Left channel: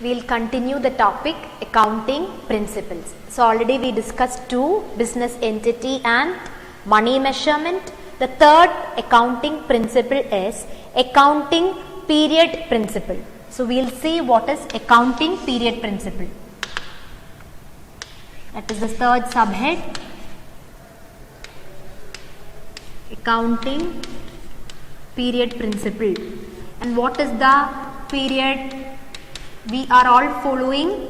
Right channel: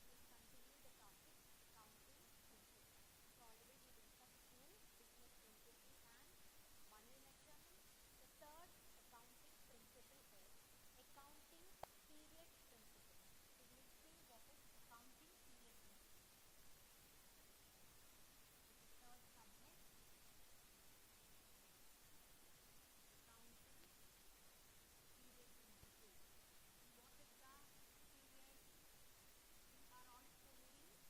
We'll continue the topic accounting principles. So already we discussed two, business entity and money measurement. The third accounting principle is accounting period principle. So we'll see what is accounting period principle. That is the third subhead. Accounting period principle. And what is the period we are all following?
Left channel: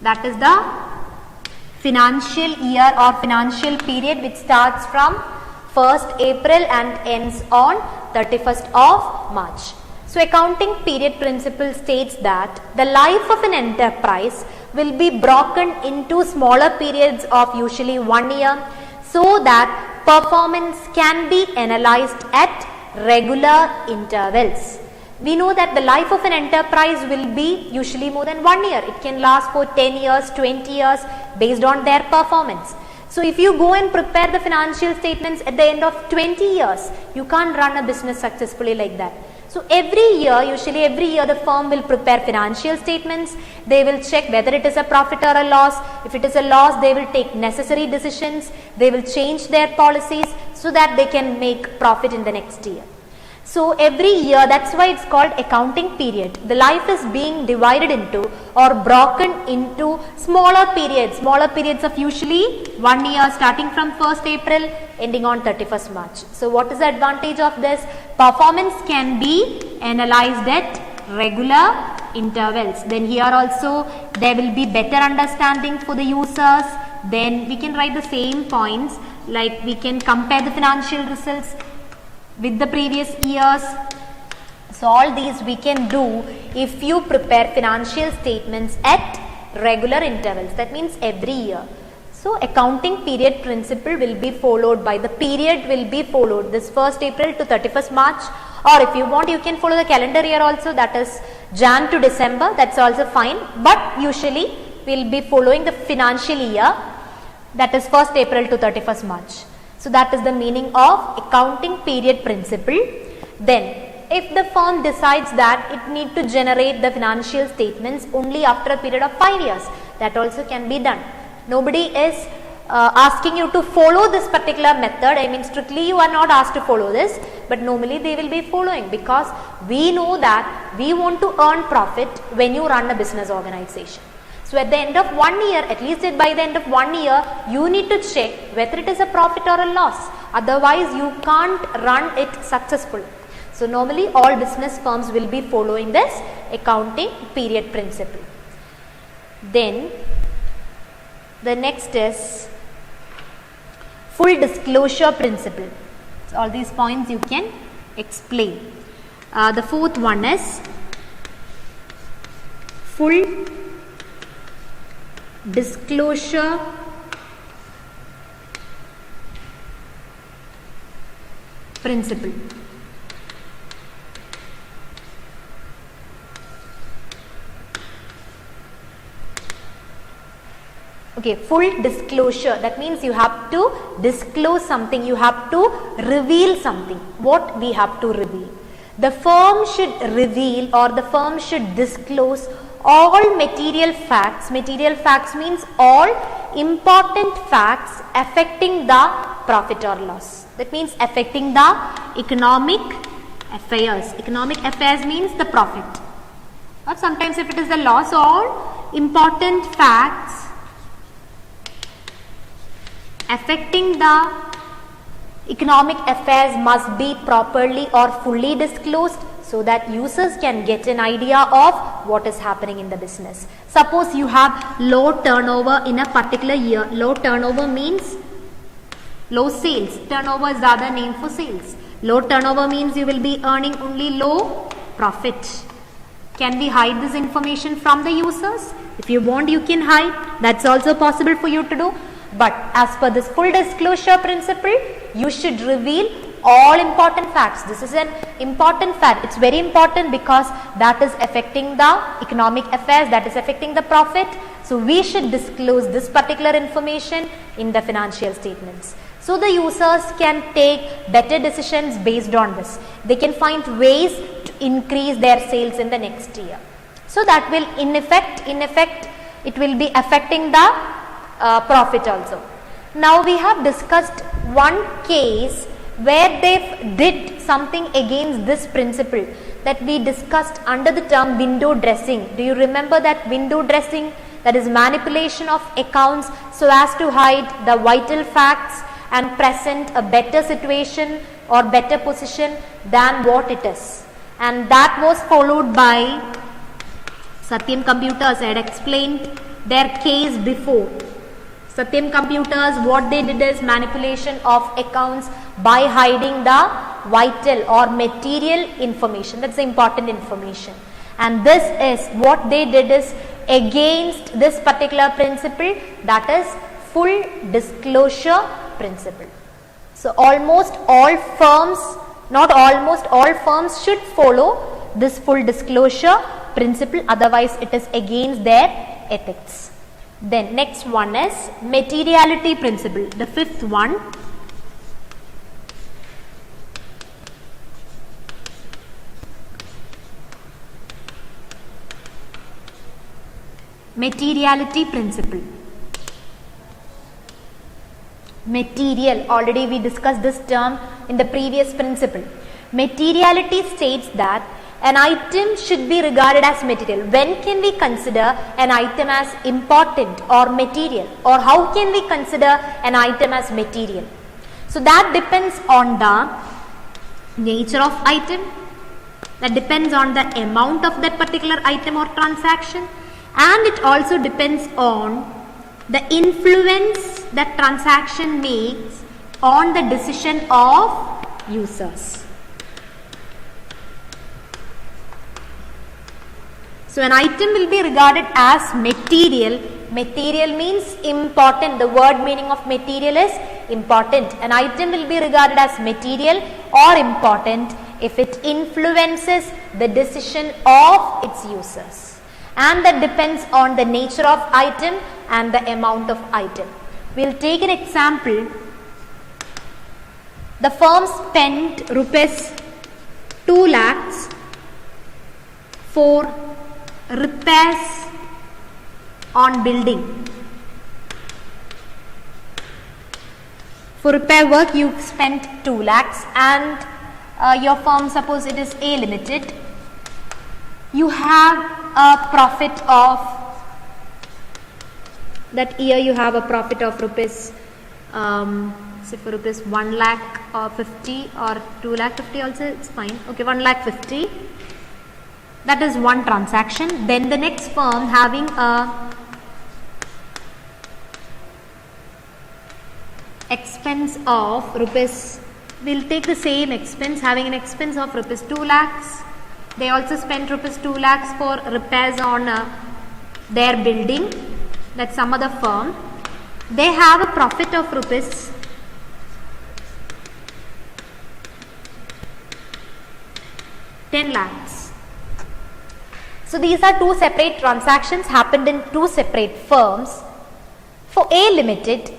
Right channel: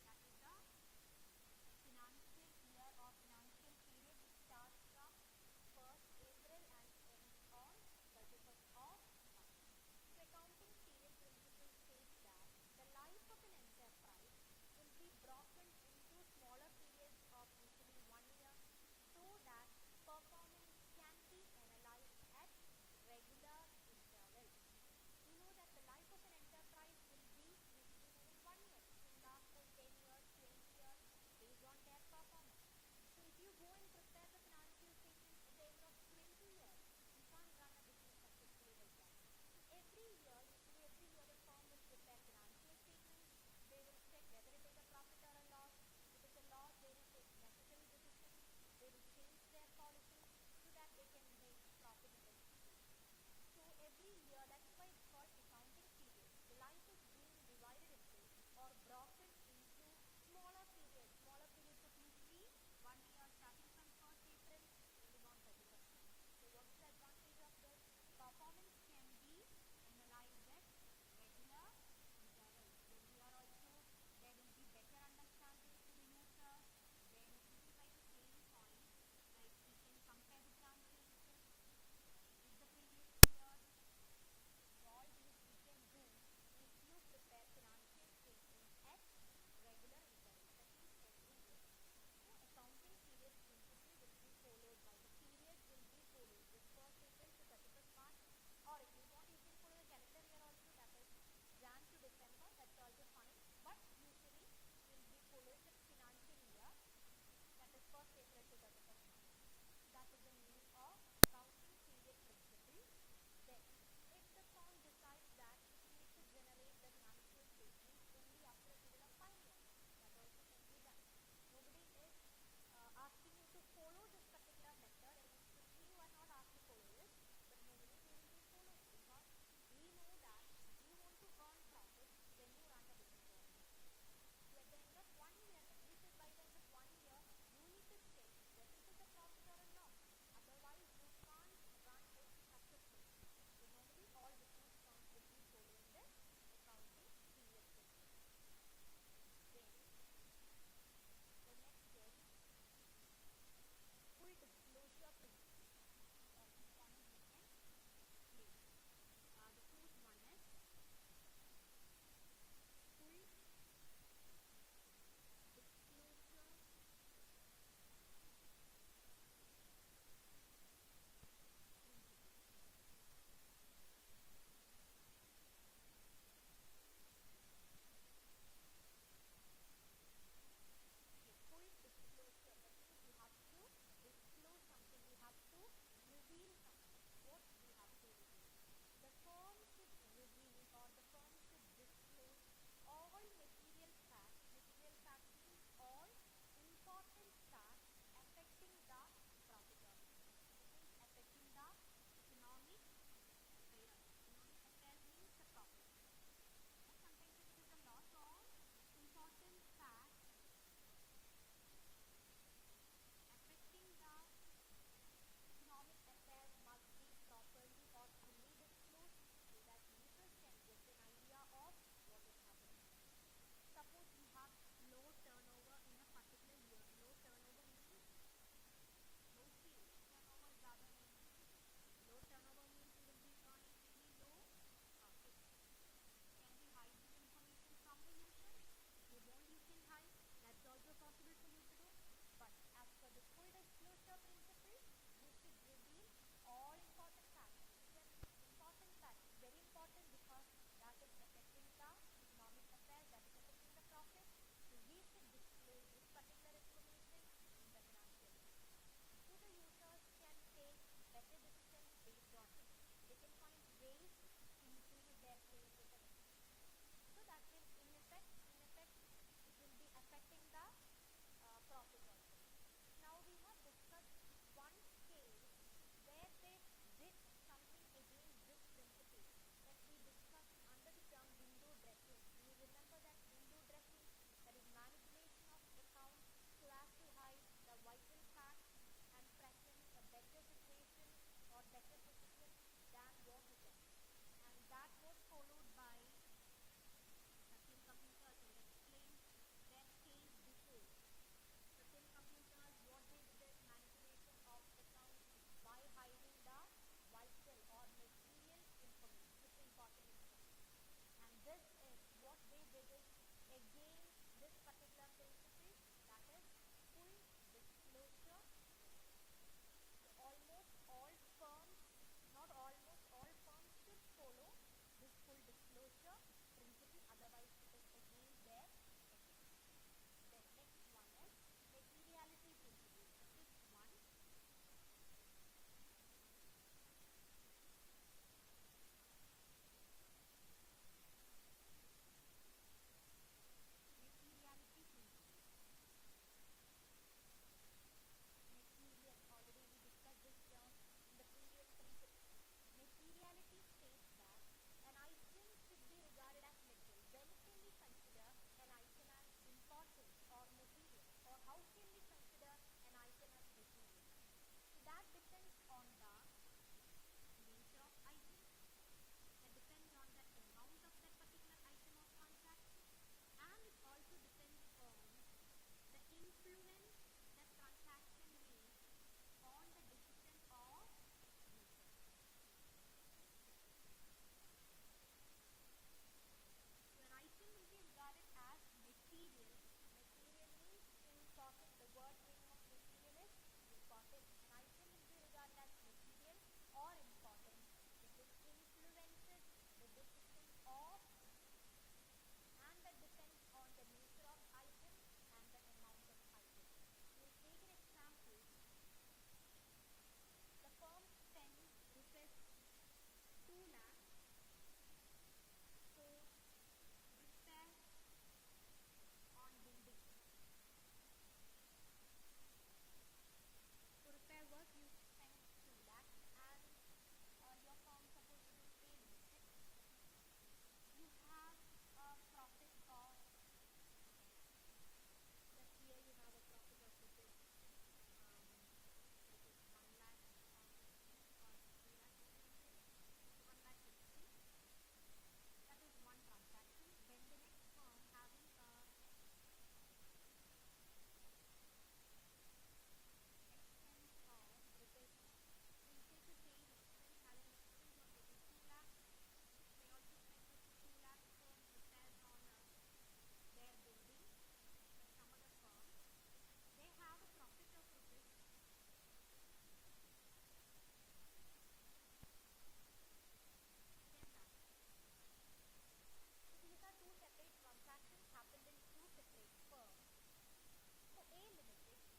That is the financial year or financial period which starts from 1st April and ends on 31st of March. So accounting period principle states that the life of an enterprise will be broken into smaller periods of usually 1 year so that performance can be analyzed at regular intervals. We know that the life of an enterprise will be usually more than 1 year. It can last for 10 years, 20 years based on their performance. So if you go and prepare the financial statements at the end of 20 years, you can't run a business successfully like that. So usually every year the firm will prepare financial statements. They will check whether it is a profit or a loss. If it is a loss, they will take necessary decisions. They will change their policies so that they can make profit in the next year. So every year, that's why it's called accounting period. The life is being divided into or broken into smaller periods of usually 1 year starting from 1st April ending on 31st March. So what is the advantage of this? Performance can be analyzed at regular intervals. Then here also there will be better understanding for the users. Then we can write the same points, like we can compare the financial results with the previous years. So all these we can do if you prepare financial statements at regular intervals. That means every year. So accounting period principle will be followed by the period will be followed this 1st April to 31st March, or if you want you can follow the calendar year also, that is Jan to December, that's also fine, but usually we will be following the financial year, that is 1st April to 31st March. So that is the meaning of accounting period principle. Then if the firm decides that it need to generate the financial statements only after a period of 5 years, that also can be done. Nobody is asking you to follow this particular method. I mean, strictly you are not asked to follow this, but normally they will be following, because we know that we want to earn profit when you run a business organization. So at the end of 1 year, at least by the end of 1 year, you need to check whether it is a profit or a loss. Otherwise, you can't run it successfully. So normally all business firms will be following this accounting period principle. Then the next is full disclosure principle. So all these points you can explain. The fourth one is full disclosure principle. Okay, full disclosure, that means you have to disclose something, you have to reveal something. What we have to reveal? The firm should reveal or the firm should disclose all material facts. Material facts means all important facts affecting the profit or loss. That means affecting the economic affairs. Economic affairs means the profit. Or sometimes if it is the loss, all important facts affecting the economic affairs must be properly or fully disclosed, so that users can get an idea of what is happening in the business. Suppose you have low turnover in a particular year. Low turnover means low sales. Turnover is the other name for sales. Low turnover means you will be earning only low profit. Can we hide this information from the users? If you want, you can hide. That's also possible for you to do. But as per this full disclosure principle, you should reveal all important facts. This is an important fact. It's very important because that is affecting the economic affairs, that is affecting the profit. So we should disclose this particular information in the financial statements. So the users can take better decisions based on this. They can find ways to increase their sales in the next year. So that will in effect it will be affecting the profit also. Now we have discussed one case where they did something against this principle that we discussed under the term window dressing. Do you remember that window dressing? That is manipulation of accounts so as to hide the vital facts and present a better situation or better position than what it is. And that was followed by Satyam Computers. I had explained their case before. Satyam Computers, what they did is manipulation of accounts by hiding the vital or material information. That's the important information. And this is what they did is against this particular principle, that is full disclosure principle. So almost all firms, not almost all firms should follow this full disclosure principle, otherwise it is against their ethics. Then next one is materiality principle, the fifth one. Materiality principle. Material, already we discussed this term in the previous principle. Materiality states that an item should be regarded as material. When can we consider an item as important or material, or how can we consider an item as material? So that depends on the nature of item, that depends on the amount of that particular item or transaction, and it also depends on the influence that transaction makes on the decision of users. So an item will be regarded as material. Material means important. The word meaning of material is important. An item will be regarded as material or important if it influences the decision of its users. And that depends on the nature of item and the amount of item. We will take an example. The firm spent rupees 2 lakhs for repairs on building. For repair work you spent 2 lakhs and your firm, suppose it is A Limited, you have a profit of, that year you have a profit of rupees, say for rupees 1 lakh or 50 or 2 lakh 50 also, it's fine. Okay, 1 lakh 50. That is one transaction. Then the next firm having a expense of rupees, we'll take the same expense, having an expense of rupees 2 lakhs. They also spent rupees 2 lakhs for repairs on their building. That's some other firm. They have a profit of rupees 10 lakhs. So these are two separate transactions happened in two separate firms. For A Limited,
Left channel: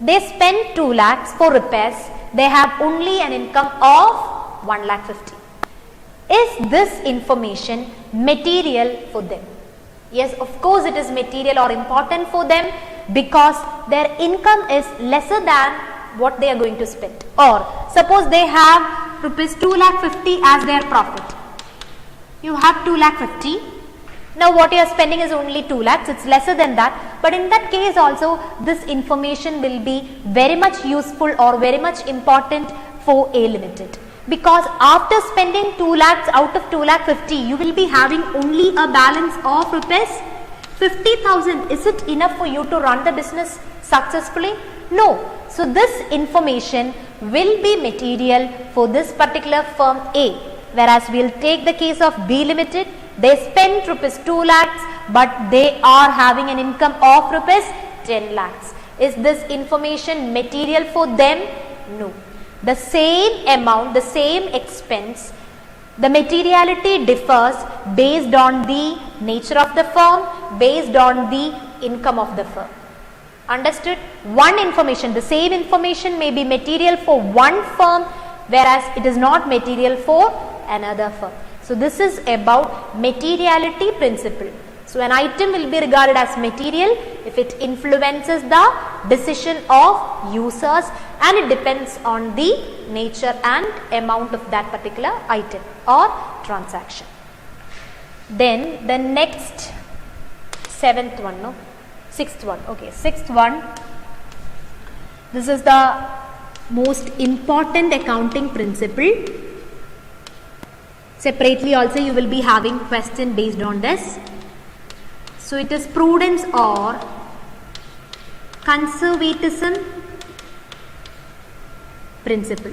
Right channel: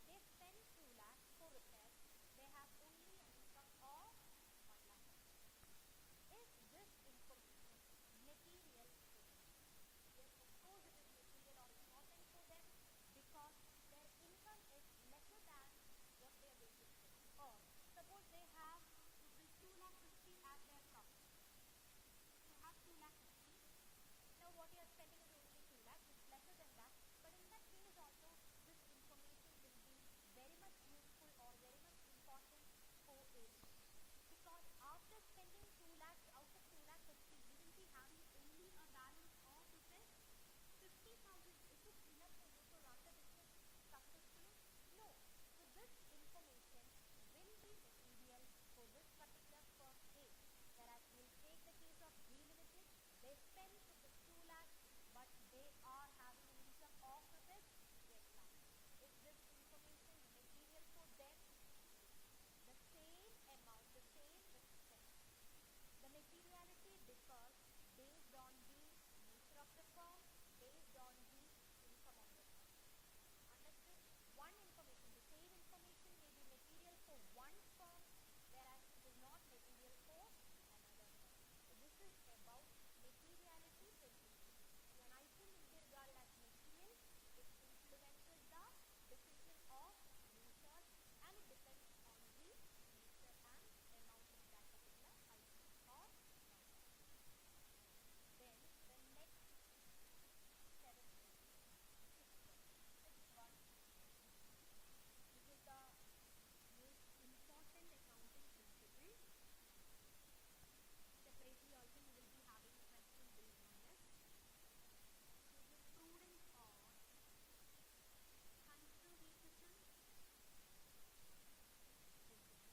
they spent 2 lakhs for repairs. They have only an income of 1 lakh 50. Is this information material for them? Yes, of course it is material or important for them because their income is lesser than what they are going to spend. Or suppose they have rupees 2 lakh 50 as their profit. You have 2 lakh 50. Now what you are spending is only 2 lakhs, it's lesser than that. But in that case also this information will be very much useful or very much important for A Limited. Because after spending 2 lakhs out of 2 lakh 50, you will be having only a balance of rupees 50,000. Is it enough for you to run the business successfully? No. So this information will be material for this particular firm A. Whereas we will take the case of B Limited. They spent rupees 2 lakhs but they are having an income of rupees 10 lakhs. Is this information material for them? No. The same amount, the same expense, the materiality differs based on the nature of the firm, based on the income of the firm. Understood? One information, the same information may be material for one firm, whereas it is not material for another firm. So this is about materiality principle. So an item will be regarded as material if it influences the decision of users and it depends on the nature and amount of that particular item or transaction. Then the next sixth one. This is the most important accounting principle. Separately also you will be having question based on this. So it is prudence or conservatism principle.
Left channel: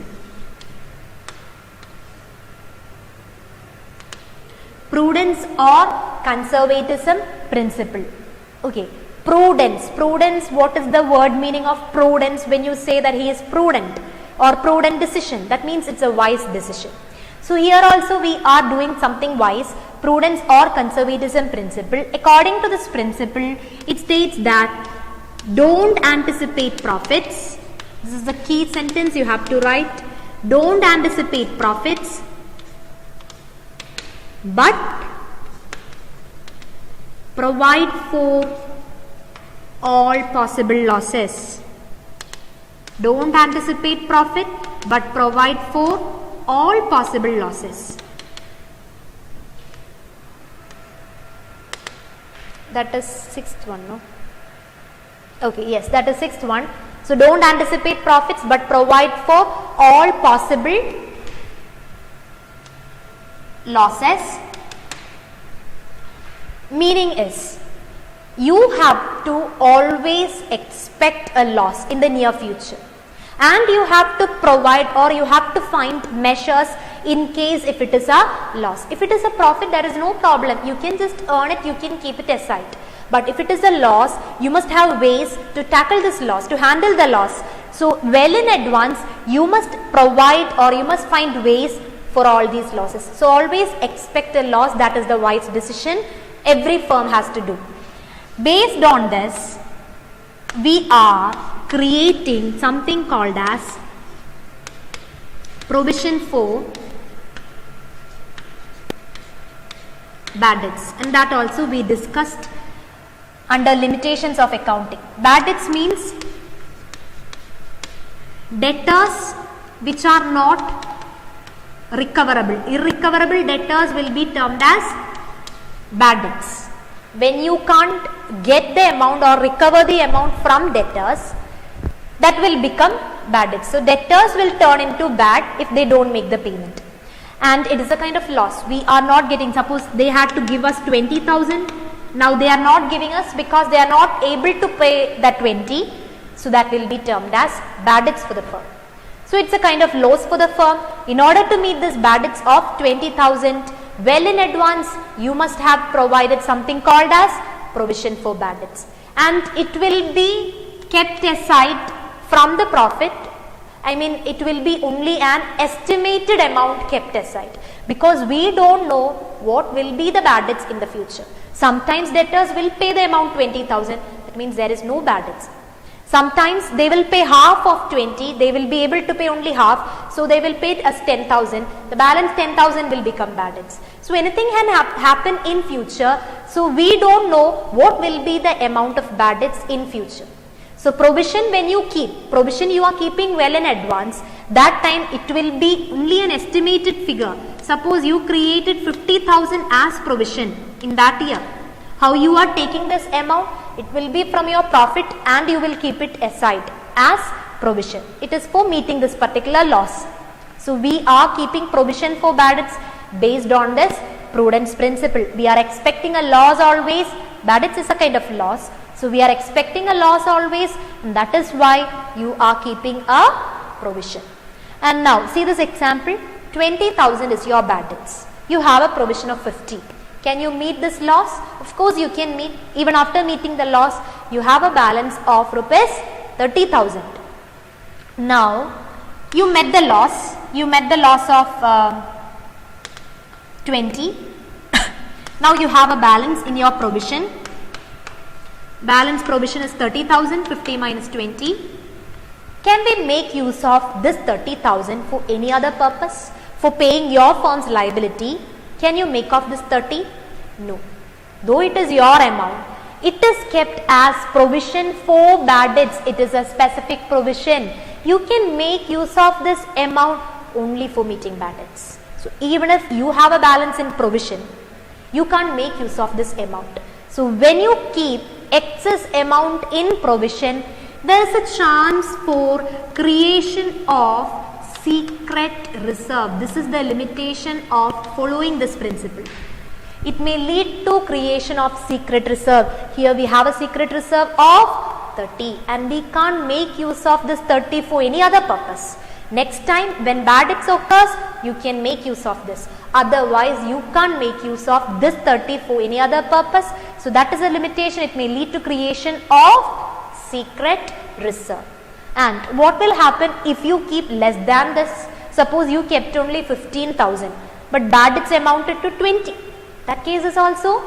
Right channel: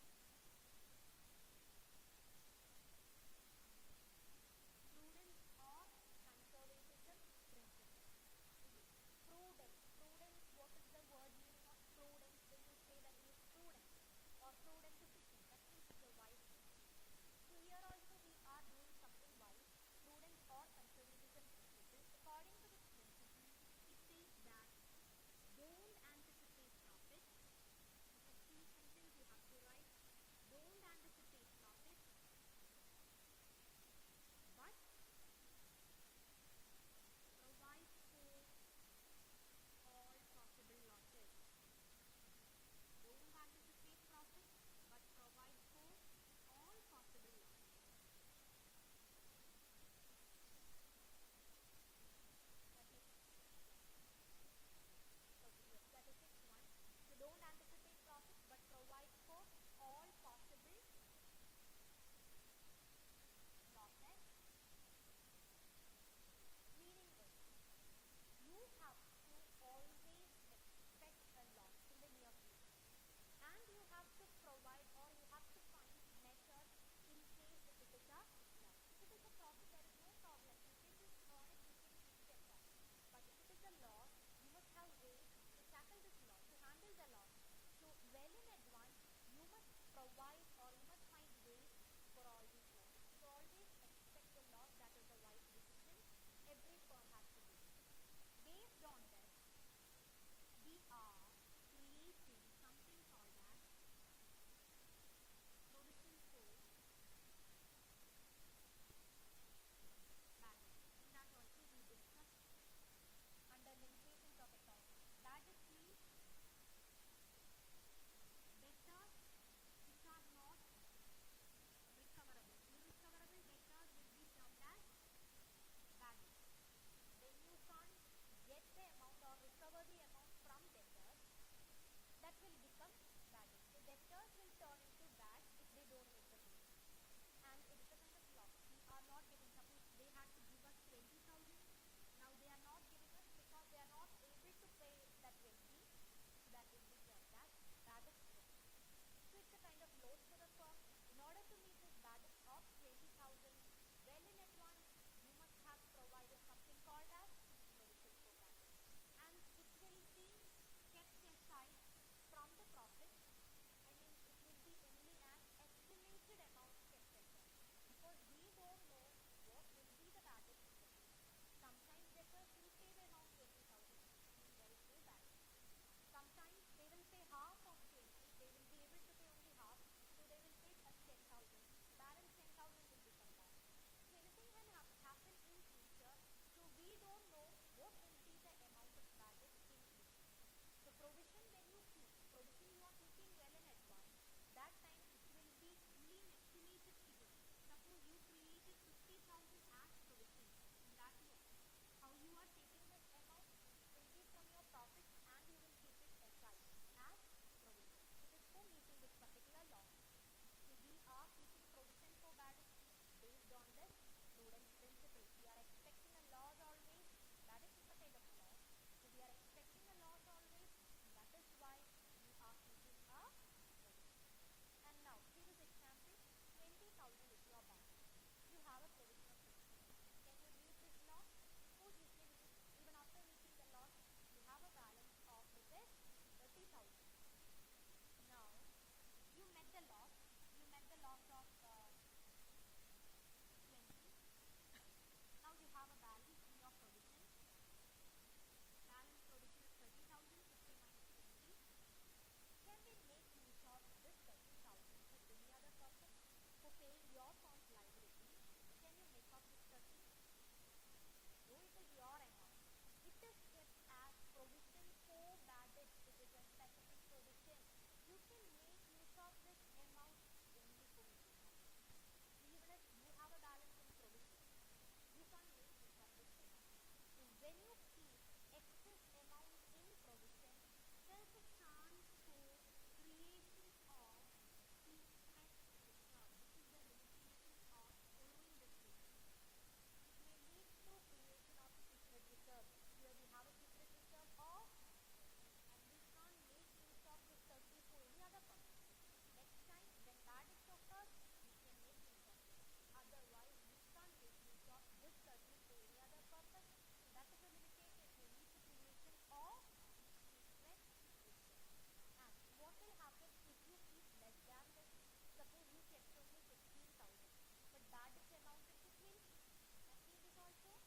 Prudence or conservatism principle. Okay. Prudence. Prudence, what is the word meaning of prudence when you say that he is prudent or prudent decision? That means it's a wise decision. So here also we are doing something wise. Prudence or conservatism principle. According to this principle, it states that don't anticipate profits. This is the key sentence you have to write. Don't anticipate profits, but provide for all possible losses. Don't anticipate profit, but provide for all possible losses. That is sixth one, no? Okay, yes, that is sixth one. So don't anticipate profits, but provide for all possible losses. Meaning is, you have to always expect a loss in the near future, and you have to provide or you have to find measures in case if it is a loss. If it is a profit, there is no problem, you can just earn it, you can keep it aside. But if it is a loss, you must have ways to tackle this loss, to handle the loss. So well in advance you must provide or you must find ways for all these losses. So always expect a loss. That is the wise decision every firm has to do. Based on this, we are creating something called as provision for bad debts, and that also we discussed under limitations of accounting. Bad debts means debtors which are not recoverable. Irrecoverable debtors will be termed as bad debts. When you can't get the amount or recover the amount from debtors, that will become bad debts. So debtors will turn into bad if they don't make the payment, and it is a kind of loss. We are not getting, suppose they had to give us 20,000, now they are not giving us because they are not able to pay that 20, so that will be termed as bad debts for the firm. So it's a kind of loss for the firm. In order to meet this bad debts of 20,000, well in advance you must have provided something called as provision for bad debts, and it will be kept aside from the profit. I mean, it will be only an estimated amount kept aside, because we don't know what will be the bad debts in the future. Sometimes debtors will pay the amount 20,000, that means there is no bad debts. Sometimes they will pay half of 20, they will be able to pay only half, so they will pay it as 10,000, the balance 10,000 will become bad debts. So anything can happen in future, so we don't know what will be the amount of bad debts in future. So provision, when you keep, provision you are keeping well in advance, that time it will be only an estimated figure. Suppose you created 50,000 as provision in that year. How you are taking this amount? It will be from your profit and you will keep it aside as provision. It is for meeting this particular loss. So we are keeping provision for bad debts based on this prudence principle. We are expecting a loss always. Bad debts is a kind of loss. So we are expecting a loss always, and that is why you are keeping a provision. And now see this example. 20,000 is your bad debts. You have a provision of 50. Can you meet this loss? Of course you can meet. Even after meeting the loss, you have a balance of rupees 30,000. Now you met the loss. You met the loss of 20. Now you have a balance in your provision. balance provision is 30,000, 50 minus 20. Can we make use of this 30,000 for any other purpose? For paying your firm's liability, can you make off this 30? No. Though it is your amount, it is kept as provision for bad debts. It is a specific provision. You can make use of this amount only for meeting bad debts. So even if you have a balance in provision, you can't make use of this amount. So when you keep excess amount in provision, there is a chance for creation of secret reserve. This is the limitation of following this principle. It may lead to creation of secret reserve. Here we have a secret reserve of 30 and we can't make use of this 30 for any other purpose. Next time when bad debts occurs, you can make use of this. Otherwise, you can't make use of this 30 for any other purpose. So that is a limitation. It may lead to creation of secret reserve. And what will happen if you keep less than this? Suppose you kept only 15,000 but bad debts amounted to 20. That case is also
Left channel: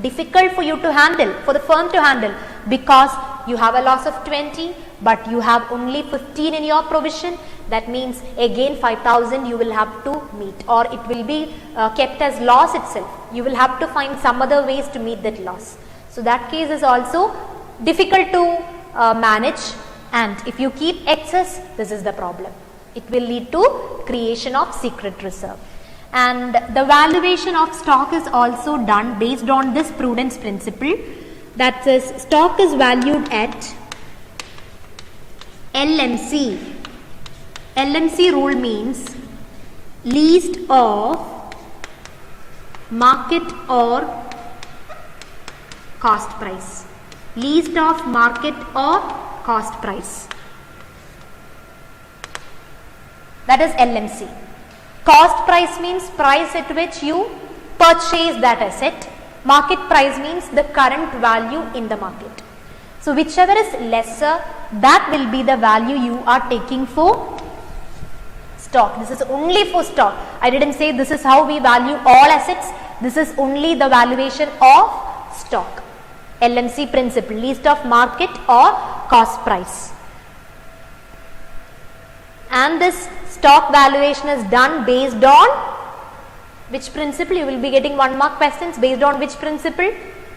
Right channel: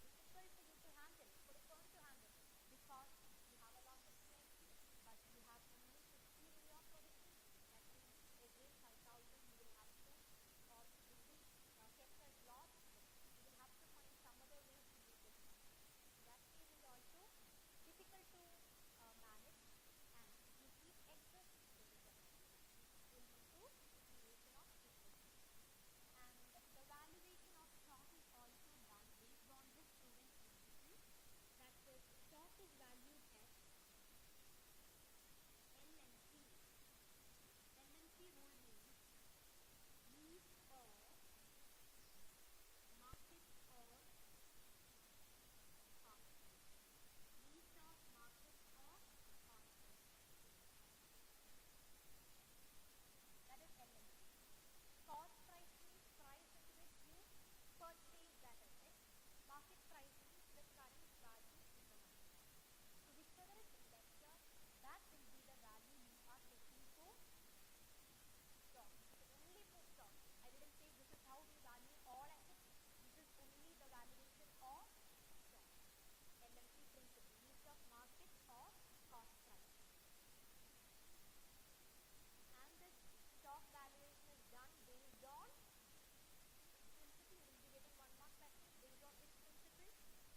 difficult for you to handle, for the firm to handle, because you have a loss of 20 but you have only 15 in your provision. That means again 5,000 you will have to meet, or it will be kept as loss itself. You will have to find some other ways to meet that loss. So that case is also difficult to manage, and if you keep excess, this is the problem. It will lead to creation of secret reserve. And the valuation of stock is also done based on this prudence principle, that says stock is valued at LMC. LMC rule means least of market or cost price. Least of market or cost price. That is LMC. Cost price means price at which you purchase that asset. Market price means the current value in the market. So whichever is lesser, that will be the value you are taking for stock. This is only for stock. I didn't say this is how we value all assets. This is only the valuation of stock. LMC principle, least of market or cost price. And this stock valuation is done based on which principle? You will be getting 1 mark questions. Based on which principle?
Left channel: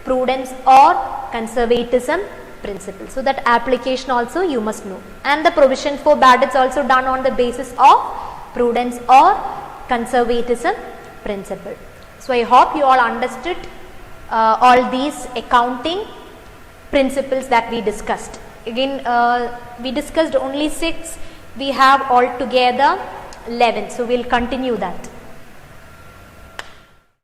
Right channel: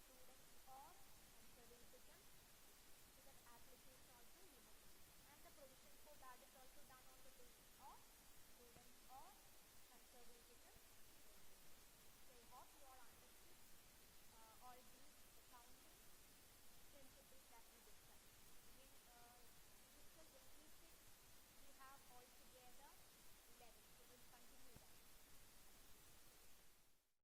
Prudence or conservatism principle. So that application also you must know. And the provision for bad debts also done on the basis of prudence or conservatism principle. So I hope you all understood all these accounting principles that we discussed. Again, we discussed only 6. We have altogether 11. So we'll continue that.